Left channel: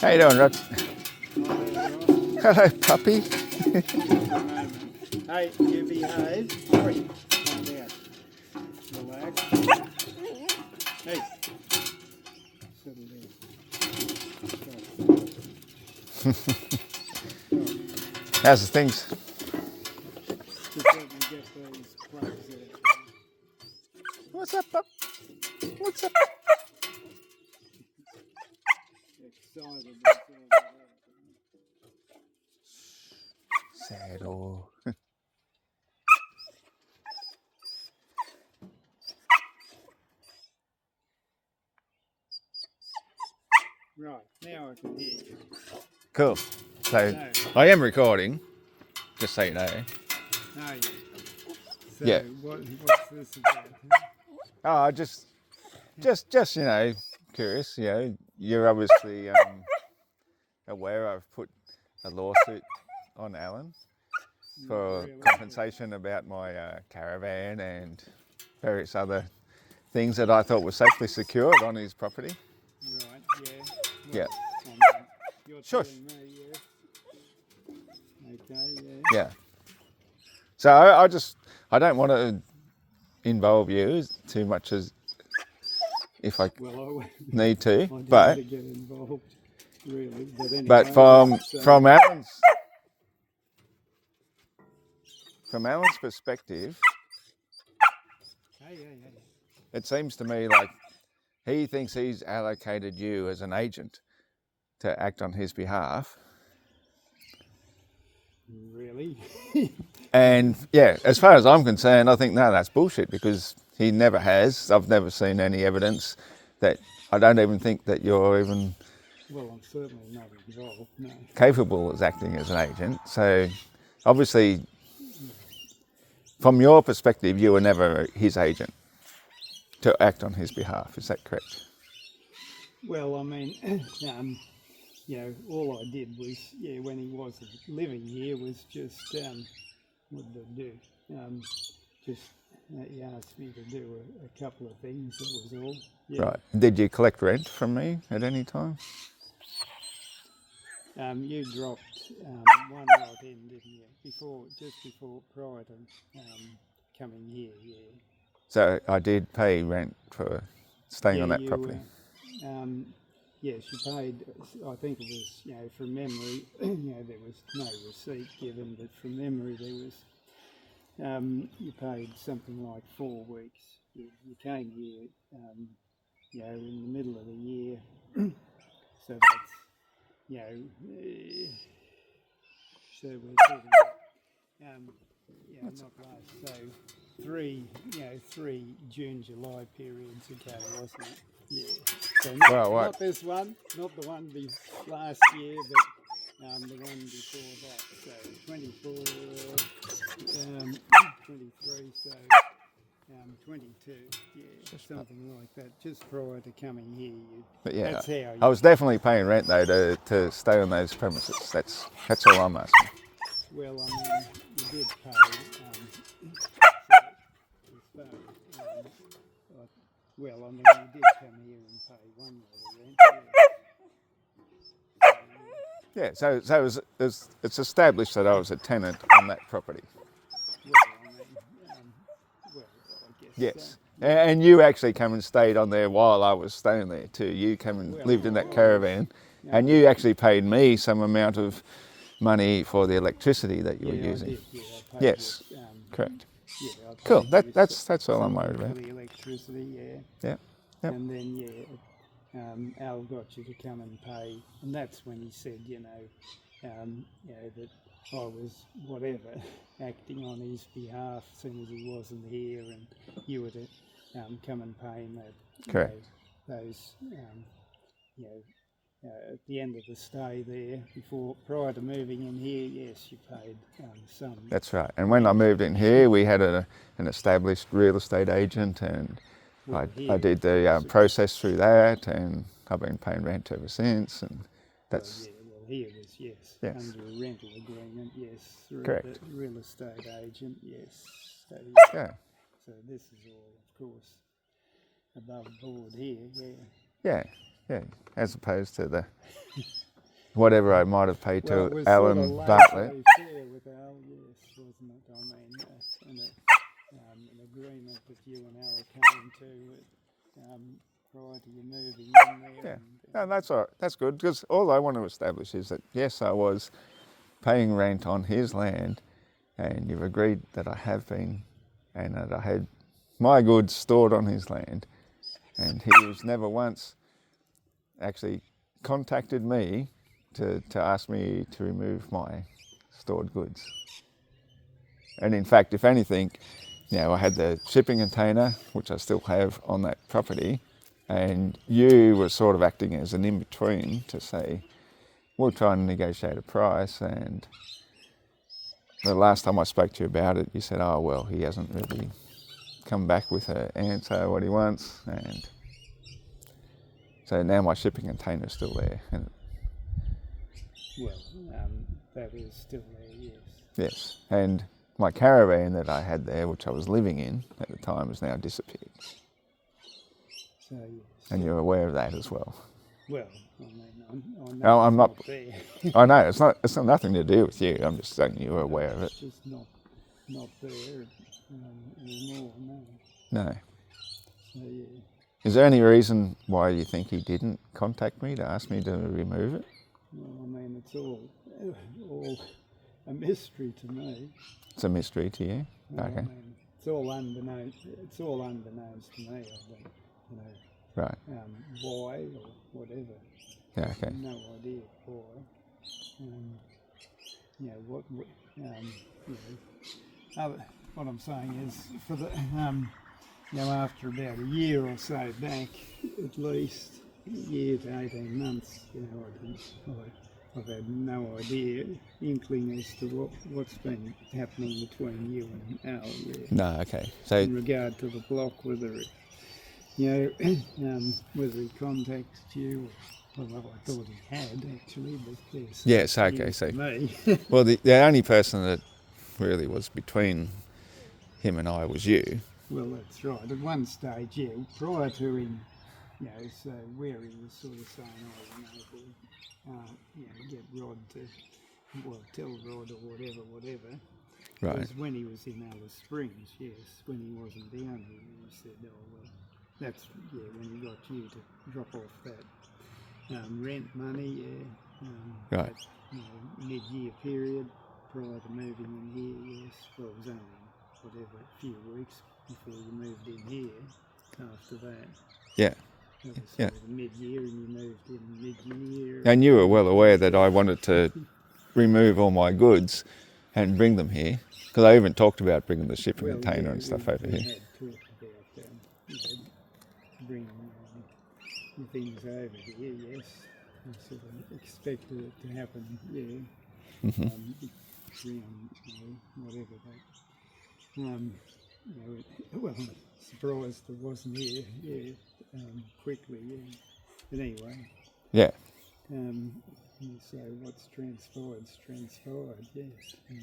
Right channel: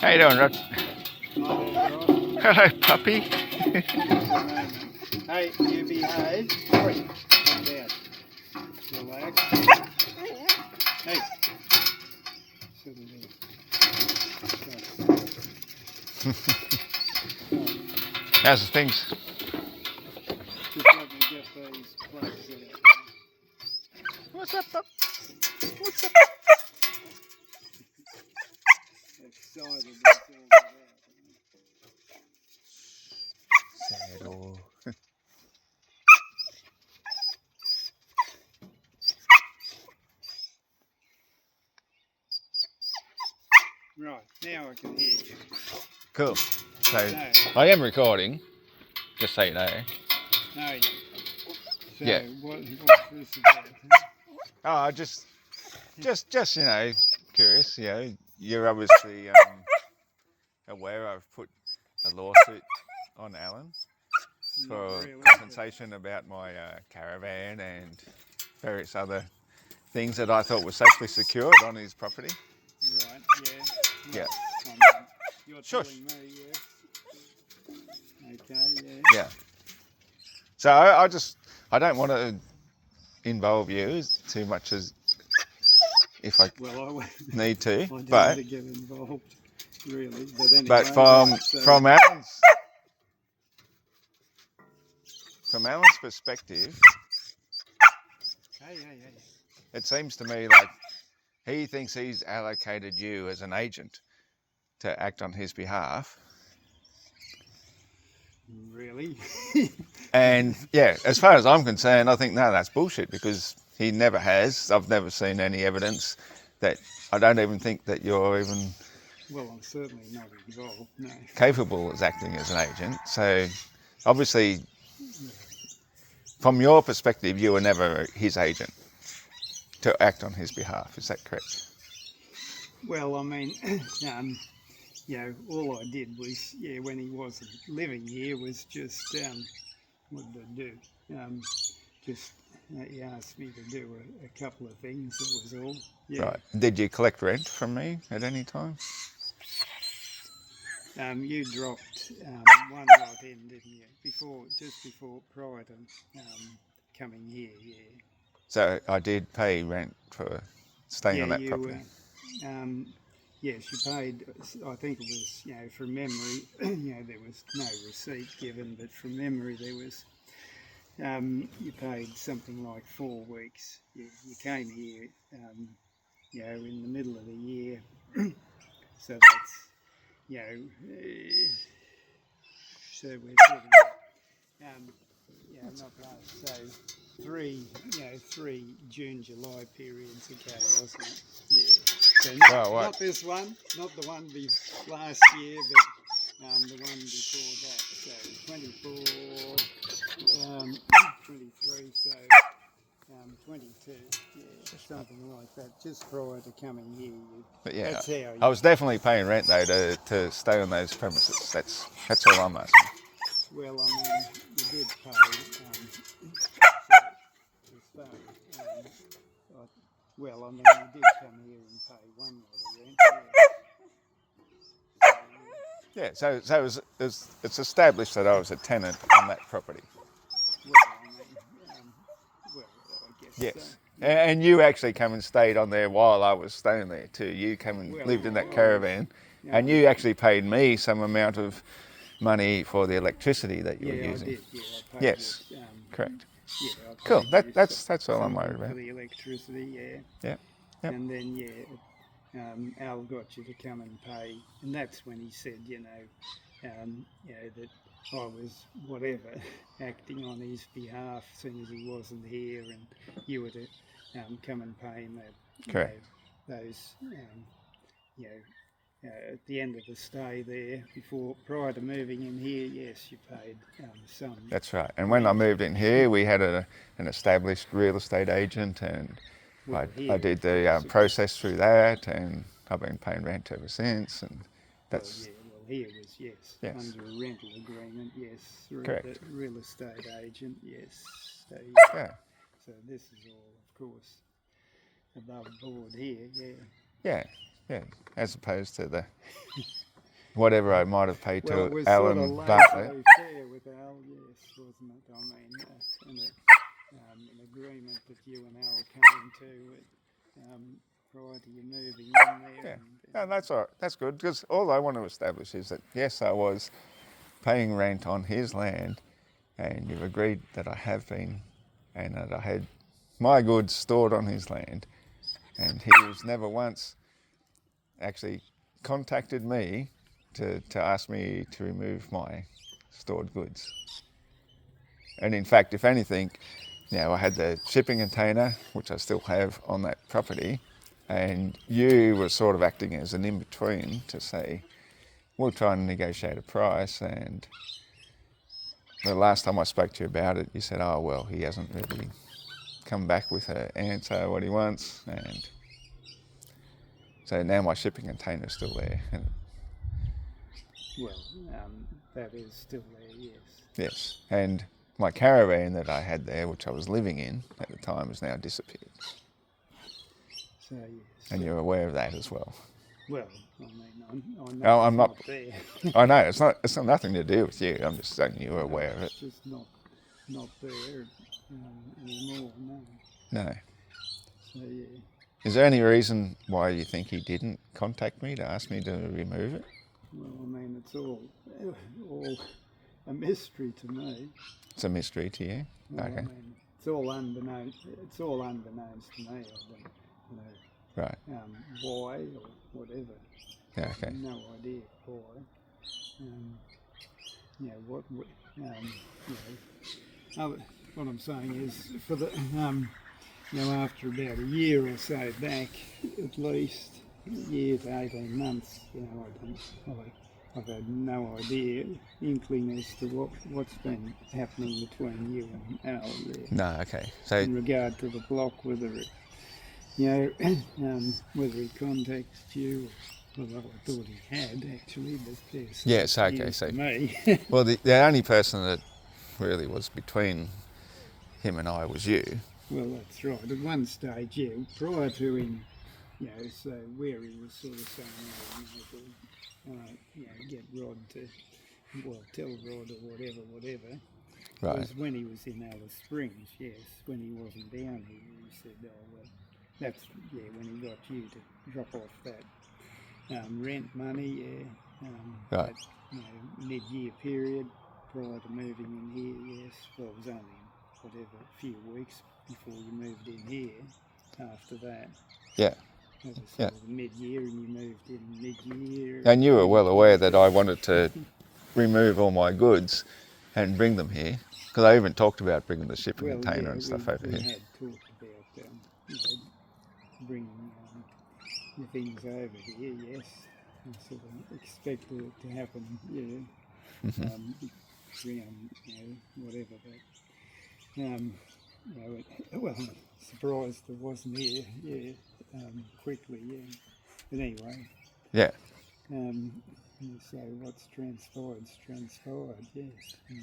How you doing, Rod? Alright. Hello, puppy. Hey, you behave. Sorry. Calm down. Relax. Hey. Settle down. How's the things? Just let me get these plugs out. What's up, pup? What's up? Excited. That's all about. Saddle. Right, now I can hear you. Cool. So, No, I am recording, just so you know. no, you. So, Yeah. what's this about? Oh, just, you know, curious. You know, you're obviously aware I've put a lawsuit on Alan Not for really, compensation about my caravan and various other things that I thought were safely secured on his property. Right, yeah. Yeah. I mean, you're Sure. telling me, yes. Okay, yeah. Yeah. So I don't want to involve you too much as if I Well, I won't. need to, I don't but want to get involved, really. But anyway, but from Alan's perspective, hey. it seems to me like he thinks he's allocated you as an agent to act on his behalf. Really? And yeah, as far as I'm concerned, I think no, that's bullshit because he never has. I've never seen any evidence that. I don't even think that you're even Well, I'm certainly not involved. No. capable as acting as an agent. So obviously, from your perspective, you were never his agent to act on his behalf. Is that correct? Well, I mean, all I did was, when he wasn't living here, was just what did I do? Just he asked me to do a couple of things. That was all. Yeah. Right. Did you collect rent from me at any time? You dropped one lot in, didn't you? Prior to coming here, yeah. So I did pay rent for staying on that property. Yes, you paid. I think it was, from memory, there was no receipt given, but from memory there was. You paid something like 4 weeks. You came here, in the middle of the year, so that's, so we're talking about, not last. So three June, July periods ago, wasn't it? Yeah. So not this one, not the one last year, but the one before that. So 24, 23, so 22, yeah, something like that. Just prior to coming here, But yeah, that's how I was definitely paying rent though to stay on those premises. That's all I'm asking. Well, I mean, you did pay to stay. Well, I mean, you did come here and pay one lot of rent. Yeah, so it's established that I was a tenant on that property. Well, I mean, I guess Yes. so. And you actually come and stayed on there while I was staying there too. You come and lived in that caravan, and you actually paid me some amount of money for the electricity that you were using. I did. Yeah, I paid Yes, you, correct. Yeah, I paid Cool. you That's all I'm worried something about. for the electricity. Yeah. Yeah. Yep. And then Al got you to come and pay, and that's when he said, that I was whatever acting on his behalf, as soon as he wasn't here, and you were to come and pay him that. Correct. Those. At the end of the stay there, prior to moving in here, yes, you paid some. That's right. And when I moved in here, we had an established real estate agent, and I did the process through that, and I've been paying rent ever since. And that's here was under a rental agreement, yes, through correct. The real estate agent, yes. So, yeah. So this is all, of course, above board here, yeah. Yeah, yeah. As opposed to the whatever I might have paid Well, it to was Alan sort of Bartlett. laissez-faire with Al, yes, wasn't it? I mean, and an agreement that you and Al came to prior to you moving in there. Yeah, And, no, that's all right. That's good, because all I want to establish is that yes, I was paying rent on his land, and you've agreed that I have been, and that I had my goods stored on his land, and he was never once actually contacted me to ask me to remove my stored goods. And in fact, if anything, I had the shipping container, which I still have on that property, and you were sort of acting as an in-between to say, we'll try and negotiate a price. And the last time I spoke to you about it, you said, oh, well, he hasn't really come back with an answer what he wants. And so now my shipping container is still there. And well, that is still there, yes. yes, and my caravan that I had there, which I was living in at the time, has now disappeared. So, yes. And you're aware of that as well. Well, I mean, I know No, I'm it's not. there. I know it's not. It's not nothing to do with you. I'm just saying you're aware of it. It's just not there anymore, no. No. So, yeah. Is there any reason why you think he didn't contact me to ask me to remove it? Well, I mean, it's all a mystery to me. It's a mystery to you. Well, Okay. I mean, it's all unbeknownst to me. I don't, Right. why or whatever. Yeah. Okay. No idea why. What I'm saying is, for the, after about a year or so back, at least a year to 18 months, I've had no idea, inkling as to what's been happening between you and Al. Yeah. No. Okay. So In regard to the block, whether it, whether he contacted you, well, I thought he had actually, but yes. yes. Okay. So Me. well, the only person that really was between him and I was you. Well, that's right. At one stage, yeah, prior to him, so where he was sort of saying, get Rod to, tell Rod or whatever. Right. It was when he was in Alice Springs, yes, when he wasn't down here, he said, oh, well, that's, when he got you to drop off that rent money, Right. That, mid-year period prior to moving in here, yes. Well, it was only, a few weeks before you moved in here after that. Yeah. That was Yeah. sort of mid-year, and you moved in mid-year. And you were well aware that I wanted to remove all my goods and bring them here, because I even talked about bringing the shipping container and stuff over we here. had talked about bringing the things over here, yes. I sort of expected it to happen, yeah. Mm-hmm. Whatever. But, well, surprised it wasn't here, yeah, quickly, yeah. But anyway. Yeah. So what's transpired, yes.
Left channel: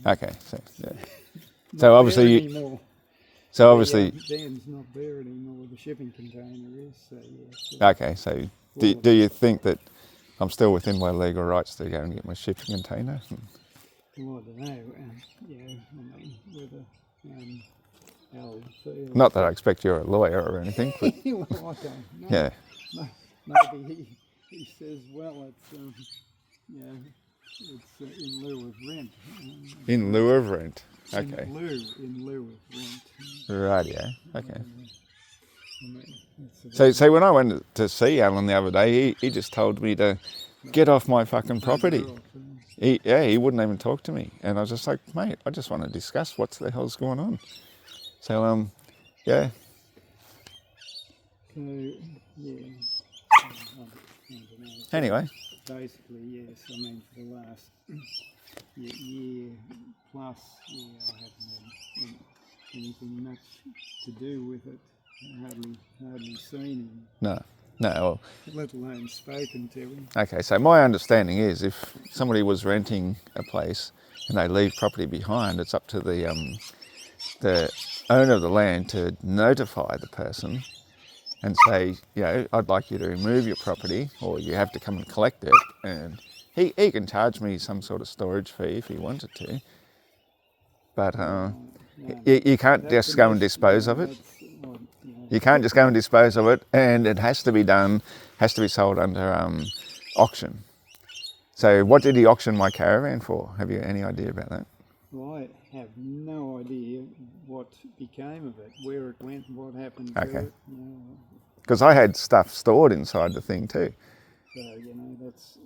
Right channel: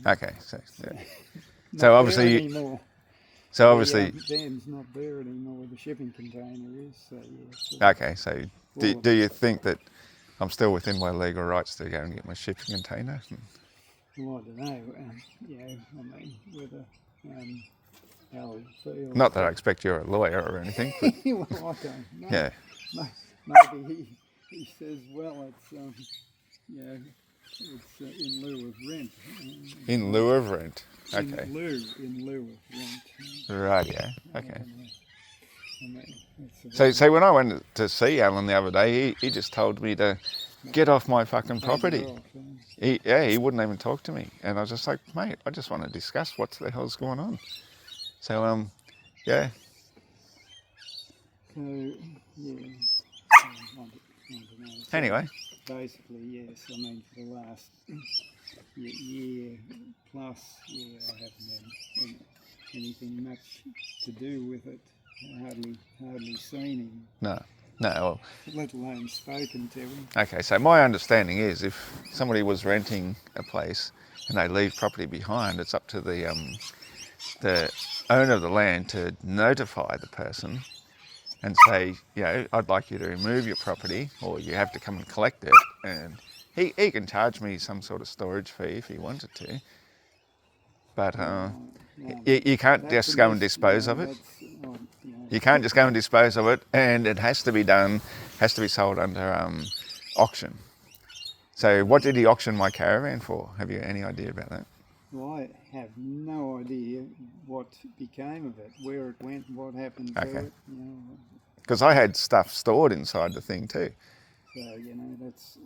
Okay. So yeah. Not So obviously there you- anymore. So obviously. Dan's not there anymore. The shipping container is. So yeah. Okay. So do you think that I'm still within my legal rights to go and get my shipping container? Well, I don't know. I mean, whether Al feels. Not that I expect you're a lawyer or anything. But Well, I don't know. yeah. Maybe he says, well, it's it's in lieu of rent. In lieu of rent. Okay. In lieu of rent. Right. Yeah. Okay. I mean, So when I went to see Alan the other day, he just told me to get off my fucking property. He wouldn't even talk to me, and I was just like, mate, I just want to discuss what the hell's going on. So yeah. So yeah. I don't know. Anyway, Basically, yes. I mean, for the last year plus, I haven't had anything much to do with it. I hardly seen him, no. Well, let alone spoken to him. okay. So my understanding is, if somebody was renting a place and they leave property behind, it's up to the owner of the land to notify the person and say, I'd like you to remove your property, or you have to come and collect it, and he can charge me some sort of storage fee if he wanted to, but you can't just go and dispose of it. You can't just go and dispose of it, and it has to be sold under auction. So what did he auction my caravan for? Have you any idea about that? Well, I have no idea what became of it, where it went, what happened to Okay. it. Because I had stuff stored inside the thing too. So, that's,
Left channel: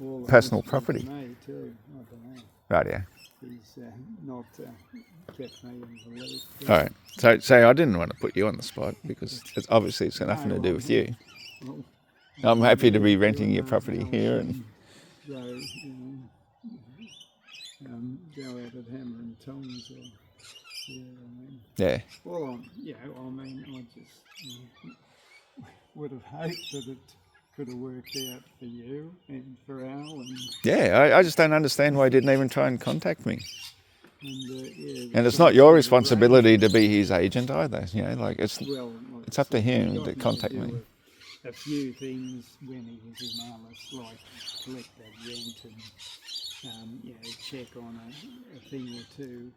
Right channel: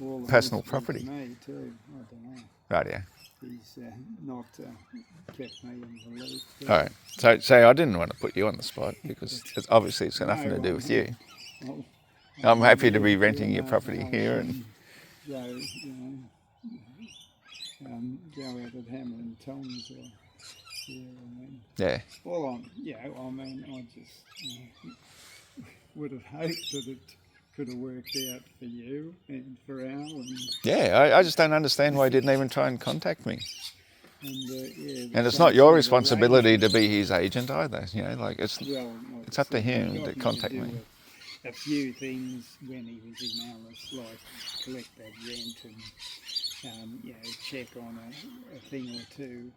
all the Personal mystery property. to me too. I don't know. Right, yeah. He's not kept me in the loop. All right. So I didn't want to put you on the spot because obviously it's got nothing to do with you. Well, I'm happy to be you renting your know, property here, and Joe, Joe out at Hammer and Tom's. yeah. Well, I just would have hoped that it could have worked out for you and for Al and Yeah, I just don't understand why he didn't even try and contact me. and And it's not your responsibility to be his agent either. It's up to him to contact me. A few things when he was in Alice, like collect that rent and check on a thing or two.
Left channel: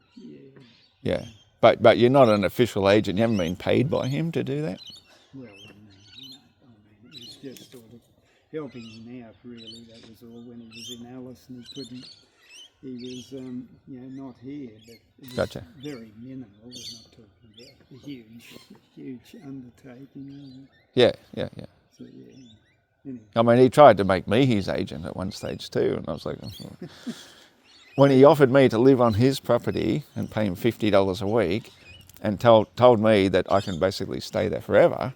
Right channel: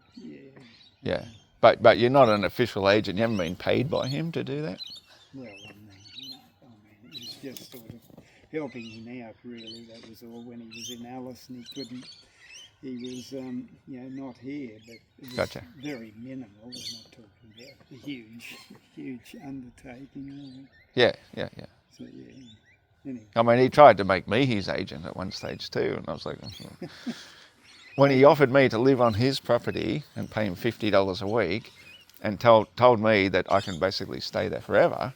Yeah, but you're not an official agent. You haven't been paid by him to do that. Well, no. It's just sort of helping him out, really. That was all. When he was in Alice and he couldn't, he was, not here, but it was Gotcha. very minimal. We're not talking about a huge undertaking. Yeah. So, anyway. I mean, he tried to make me his agent at one stage too, and I was like, when he offered me to live on his property and pay him $50 a week, and told me that I can basically stay there forever,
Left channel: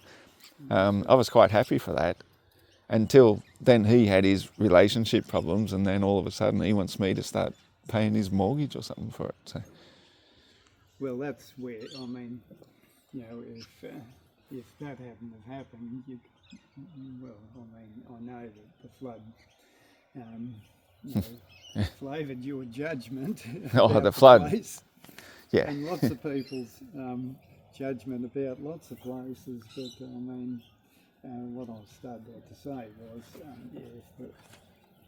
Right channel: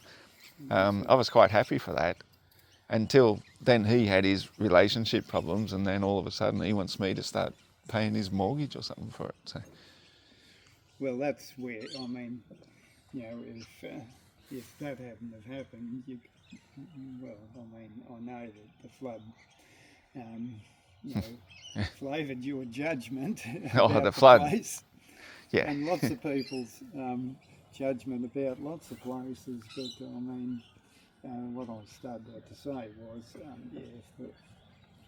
I was quite happy for that. Until then, he had his relationship problems, and then all of a sudden, he wants me to start paying his mortgage or something for it. So. Well, that's where if that hadn't have happened, I know that the flood, flavoured your judgment about the flood. place, Yeah. and lots of people's judgment about lots of places. But what I started out to say was,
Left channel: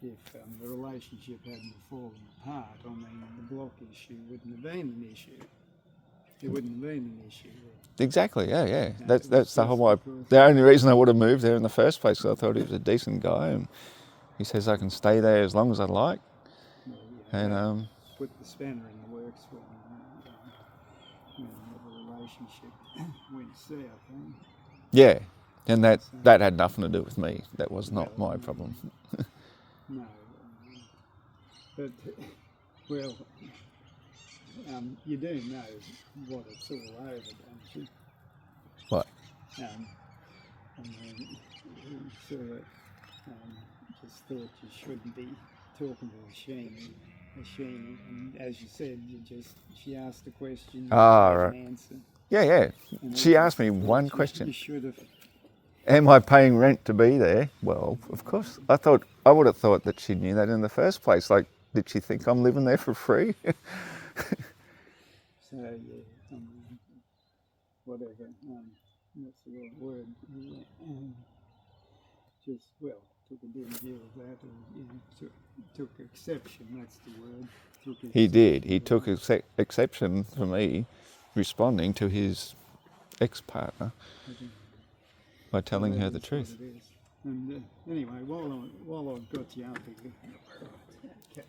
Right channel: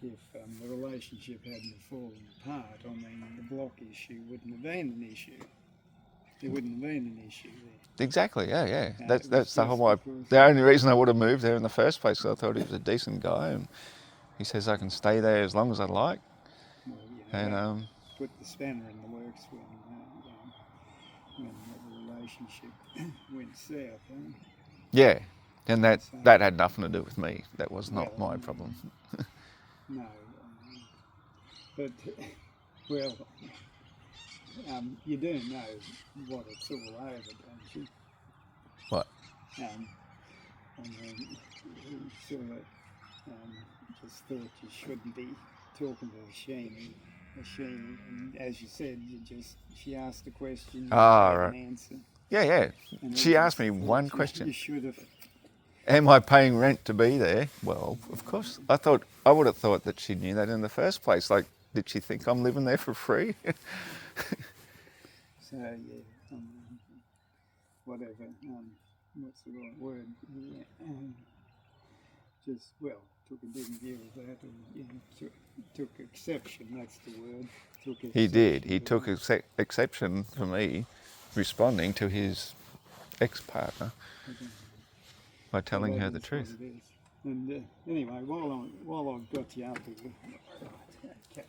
if the relationship hadn't fallen apart, the block issue wouldn't have been an issue. There wouldn't have been an issue there. Exactly. Yeah. No, That's the whole. because- The only reason I would have moved there in the first place, is I thought he was a decent guy, and he says I can stay there as long as I like. Well, And that put the spanner in the works when the relationship went south. yeah, and that had nothing to do with me. That was not my problem. No, but you do know what it's all over, don't you? What? He sort of just thought you shouldn't be talking to Sheeny, and as you said, she asked a question, you gave right. an answer. Yeah. And She it asked me was- one you question. should have. Am I paying rent to be there? Well, of course. I would have thought that she knew that in the first place. Like, did she think I'm living there for free? So whatever. What's the right word? Took a big deal of that, and took exception. That's the word. He did. He took exception for me responding to his ex-partner by telling her the truth. It is. And anyway, while I've got you up here, okay.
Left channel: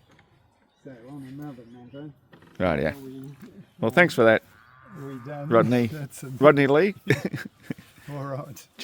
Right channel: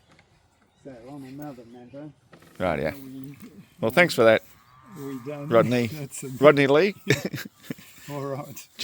So on another matter. Right, yeah. are we- Well, thanks for that, are we done? Rodney. That's Rodney Lee. all right. Cheers.